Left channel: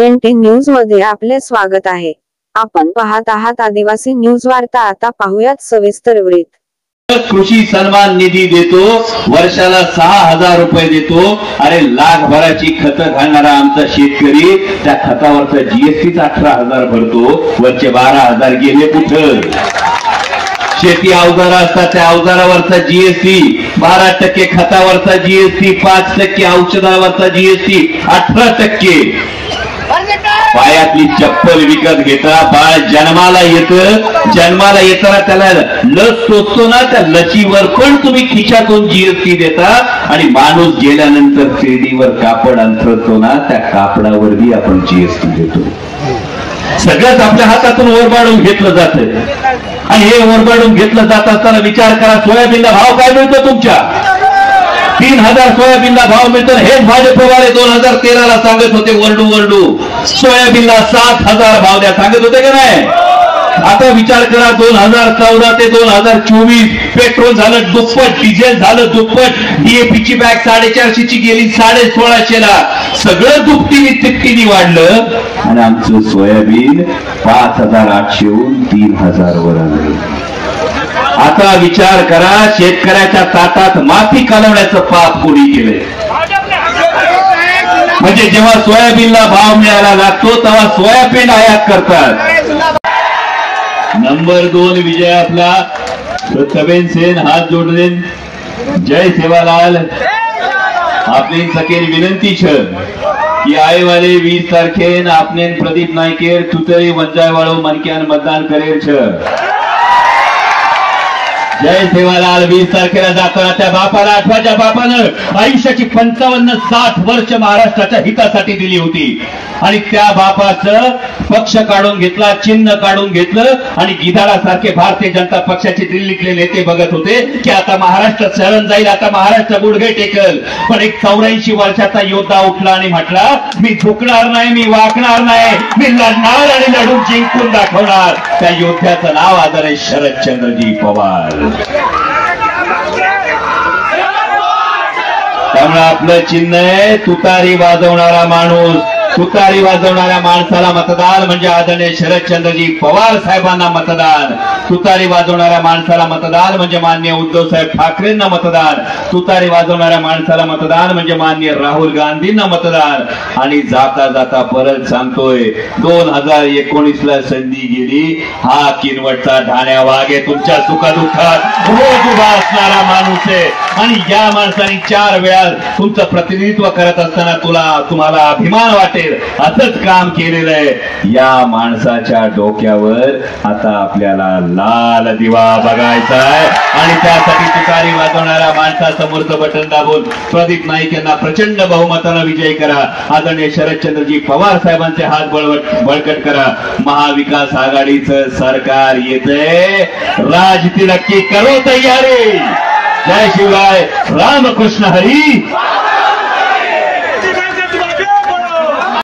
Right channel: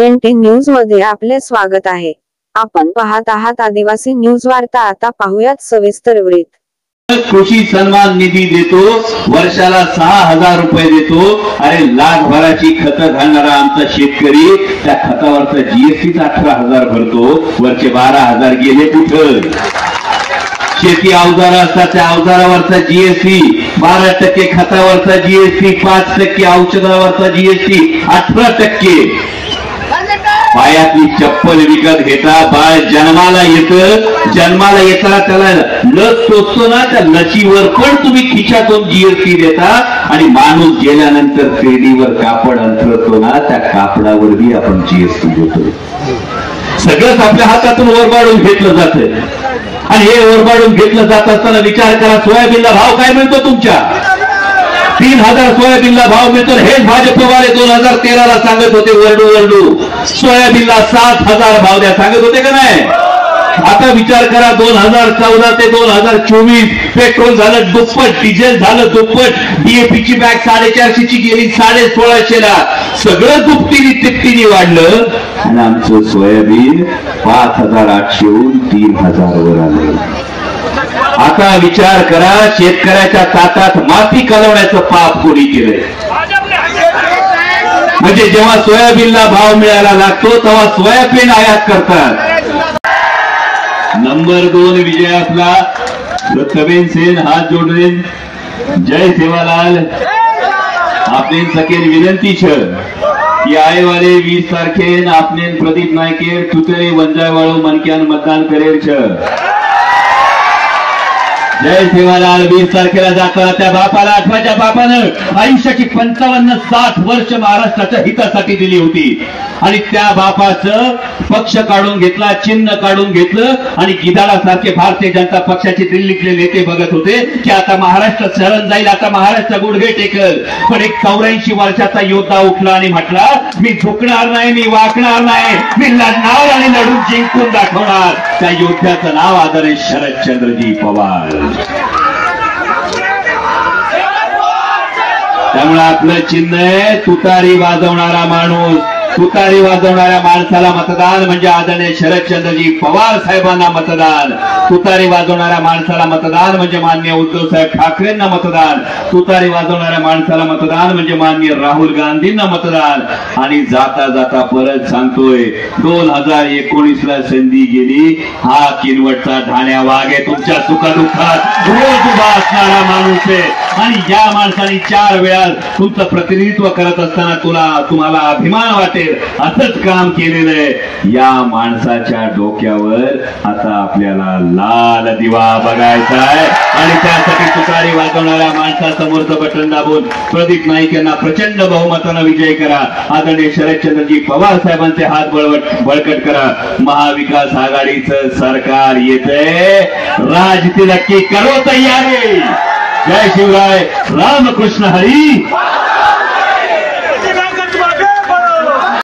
NT news मध्ये आपले स्वागत आहे। आपण पाहत आहात आदिवासी न्यूज वार्ता। आता पाहूयात सविस्तर वृत्त। कृषी सन्मान निधी देतो, वर्षाला 6000 रुपये देतो। अरे लाखभराची खत घालणारा आमचा शेतकरी त्या खतावरचा जीएसटी 18000 भरतो, वरचे 12000 गेले कुठं? शेती अवजार असतात त्या अवजारावरचा जीएसटी 12% खतावरचा जीएसटी 5% औषधावरचा जीएसटी 18%। पायातली चप्पल विकत घेता बाळ जन्माला येताना त्याला लस टोचतो ना, त्या लसीवर पण तुम्ही खिशातून जीएसटी देता आणि माणूस गेल्यानंतर पेढीवर कापड अंथरतो ना, त्या कापडावरही आपण जीएसटी देतो। सगळंच आपल्या हातातून ओरबाडून घेतलं जातं आणि हे ओरबाडून घेतलं जात असताना विचार करा, सोयाबीनला भाव काय मिळतो तुमच्या? 3000 सोयाबीनला भाव मिळतो। हेच भाजपवाले 2013ला सांगत होते वरडू सोयाबीनला 7000 भाव द्या सांगत होते का नाही? आता विचार करा, 2014 ते 2024 पेट्रोल झालं दुप्पट, डिझेल झालं दुप्पट, डीएपीची बॅग 450ची गेली 1650ला। सगळं दुपटीने तिपटीने वाढलं आणि आमचं सोयाबीन 5800हून 3000 वर आलं। आता विचार करा, शेतकऱ्याच्या ताटात माती कालवण्याचं पाप कोणी केलंय? म्हणजे जेव्हा सोयाबीनला भाव मिळायला लागतो तेव्हा सोयाबीन आयात करतात। नंबर 2 विजय आपला प्रथमेन सेन हात जोडले। जय सेवालाल आपली सकेन विनंती छ की आए वाले 20 तारखेन आपने प्रदीप नायकेर तुतरी वंजाय वाळू मनक्यान मतदान करेल छ। जय सेवालाल 20 तारखेला जाताना त्या बापाला आठवाच्या बापानं आयुष्याची 55-60 वर्ष महाराष्ट्राच्या हितासाठी दिली होती आणि त्या बापाचं पक्ष काढून घेतला, चिन्ह काढून घेतलं आणि गिधाडासारखे भारतीय जनता पक्षाचे दिल्लीतले नेते बघत होते की आता महाराष्ट्र शरण जाईल, आता महाराष्ट्र गुडघे टेकल। पण एक 84 वर्षाचा योद्धा उठला आणि म्हटला, मी झुकणार नाही, मी वाकणार नाही, मी लढणार आणि लढून जिंकून दाखवणार। त्या योद्ध्याचं नाव आदरणीय शरदचंद्रजी पवार। त्यामुळे आपलं चिन्ह आहे तुतारी वाजवणारा माणूस। तुतारी वाजवणाऱ्या माणसाला मतदान म्हणजे आदरणीय शरदचंद्रजी पवार साहेबांना मतदान। तुतारी वाजवणाऱ्या माणसाला मतदान म्हणजे माननीय उद्धव साहेब ठाकरेंना मतदान। तुतारी वाजवणाऱ्या माणसाला मतदान म्हणजे माननीय राहुल गांधींना मतदान। आणि जाता जाता परत सांगतोय, 2019ला संधी गेली, हा किनवटचा ढाण्या वाघ आहे, तुमच्या सुखदुःखात रोज उभा असणारा माणूस आहे आणि या माणसाने 4 वेळा तुमचं प्रतिनिधित्व करत असताना तुम्हाला अभिमान वाटेल असंच काम केलेलं आहे। या माणसाच्या डोक्यावर आता आपल्याला लाल दिवा बघायचा आहे आणि त्यासाठी तुतारी वाजवणाऱ्या माणसासमोरचं बटन दाबून प्रदीप नाईक यांना प्रचंड बहुमतानं विजय करा। आदरणीय शरदचंद्रजी पवार साहेबांचे हात बळकट करा। महाविकास आघाडीचं सरकार येतंय, राज तिलक्की करो तयारी। जय शिवराय, रामकृष्ण हरी।